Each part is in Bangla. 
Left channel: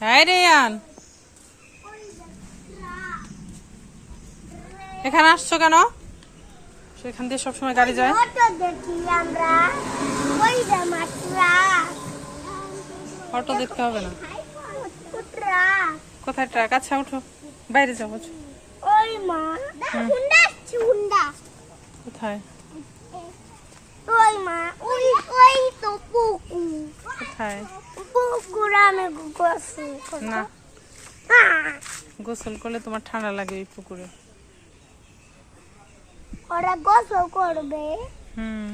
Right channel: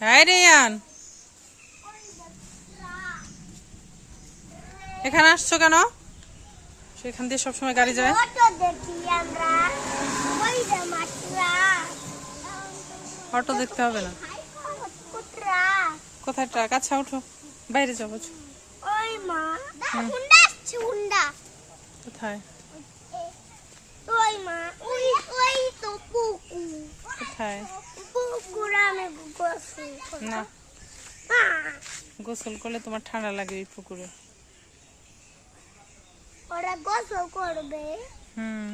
হ্যাঁ রেয়ান। এখানে আসছো কেন? সেখান দিয়ে সবসময় গাড়ি যায়। অটো দেখতে হবে না। কোথায় ট্রাক? আচ্ছা ওঠো। বাইরে যাব কোথায়? ওই মা ওই ওই তো কোথায়? না। গোসল করলে তোমার ঠান্ডা লাগে এই পুকুরে। ওরা গোসল করবে। হুম।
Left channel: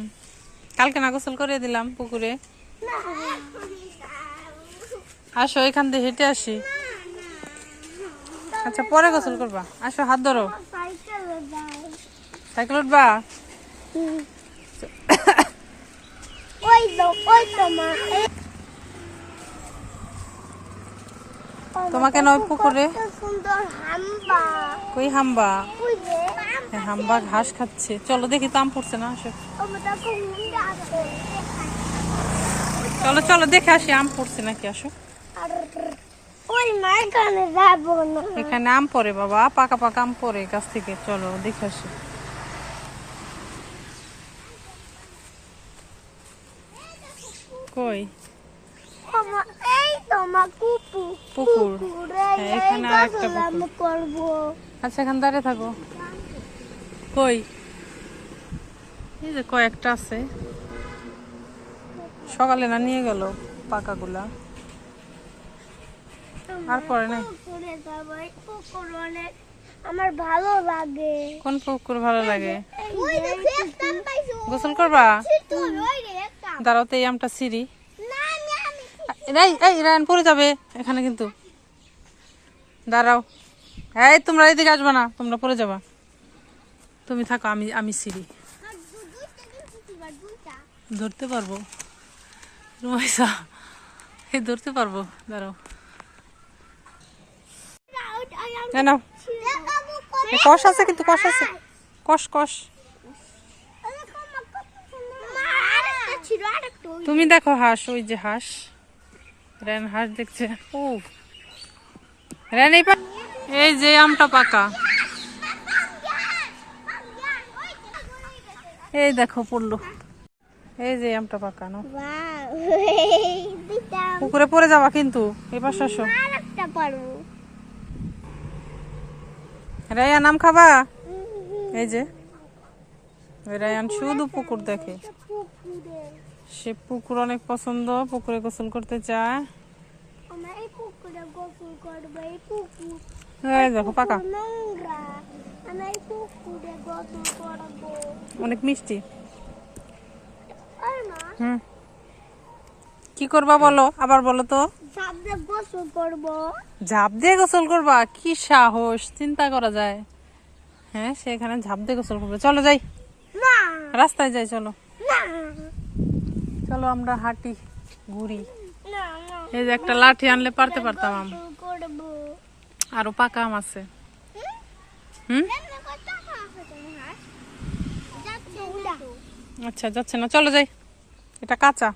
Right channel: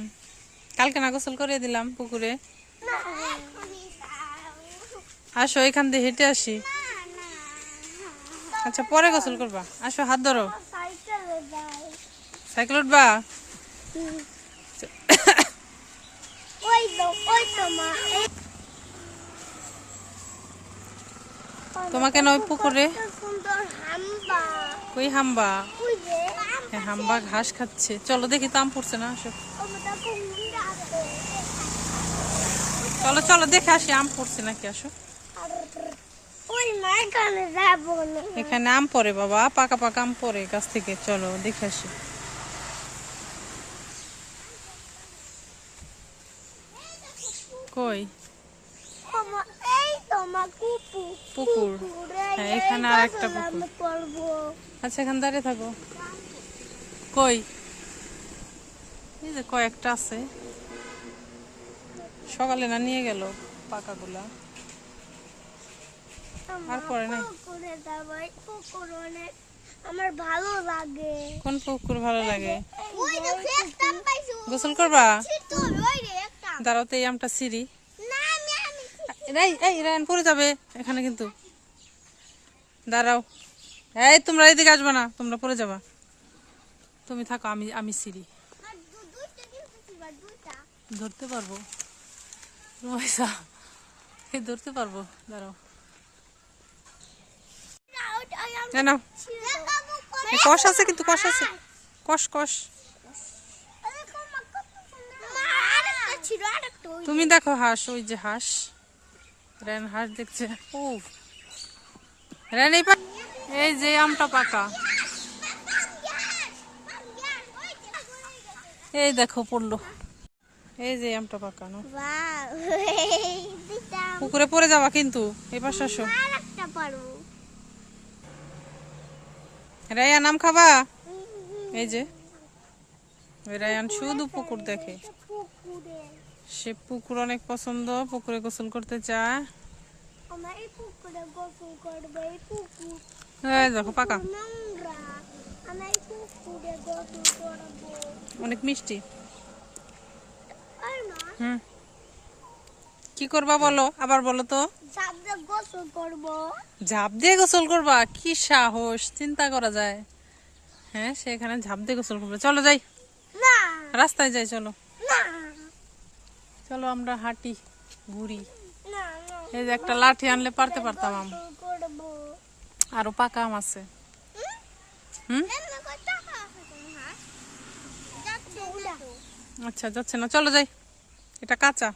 কালকে না গোসল করে দিলাম পুকুরে। আসো এখান দিয়ে হেঁটে আসি। আচ্ছা পরে গোসল করবা। আসো হাত ধরো। সাইকেল উঠবা? ওই তো ওই তো মা এই তোমাকে নয় পুকুরে? কই হাম্বা? হাম্বা ঘাস খাচ্ছে। চলো দেখি তাম পড়ছে না, আসো। চলো চলো, দেখে আসি, আম পড়ছে নাকি, আসো। এখানে আম পড়ে, বাবা, পাকা পাকা আম পড়ে গাছ থেকে। চলো, দেখে আসি। কই আমার এই তো মা কুকু পুকুর। হ্যাঁ, এখানে করব। আচ্ছা এখানে দাঁড়িয়ে থাকো। কই? এই যে কয়েকটা আছে। সকালে না নিয়ে গেল পাকাগুলা? আর পরে নাই অনেক। আমার ভালো লাগে। কোন পুকুর ভালো লাগে? একটা গোসল করবা? তো ওই রে একটা। দাঁড়াও তো এই আমটা সিঁড়ি না এই এই রায়ন পড়ে যাবে এখানে কিন্তু। দাঁড়াও। এই তোমরা এইদিকে আসবে না তোমরা পড়ে যাবা। তুমি থাকো আমি আমি সিঁড়ি। ধরতে পারব। রুমাইসা এই ধরতে পারব। দাঁড়াও। না এ কষ আছে কিন্তু কষ আছে। কষ কষ। তুমি দেখো হাঁস ওই যে হাঁস। রেন হাঁস দেখছে। ও রেন এই এই যে আমটা পাকা। এই দেখো পড়ল। এই যে আমটা পাকা না বাহ, দিতাম। পুকুরে পড়ে যাবা কিন্তু। আসো। আরেকটা রায়ান আম খাবা? এই যে। রায়ান শুধু পুকুর দেখে। সে পুকুর অনেক পছন্দ পুকুরে গোসল করতে চায় দেখো পাকা। অনেক মিষ্টি। হুম। কি করবা বলো? আবার বলো তো। ঝাঁপ দিয়ে গোসল করবা। কি সাহস চিন্তা করা যায়। হ্যাঁ সেখানে ঝাঁপ দিয়ে গোসল করবে। চলো যাই। না, রাস্তায় যাই চলো। চলো আমরা হাঁটি ঘুরি। এই যে একটা লাঠি আনলে পারতে পারতাম আম। আরও পাকা আম আছে। হুম। আচ্ছা যাচ্ছে না চলো যাই। এটা কাঁচা।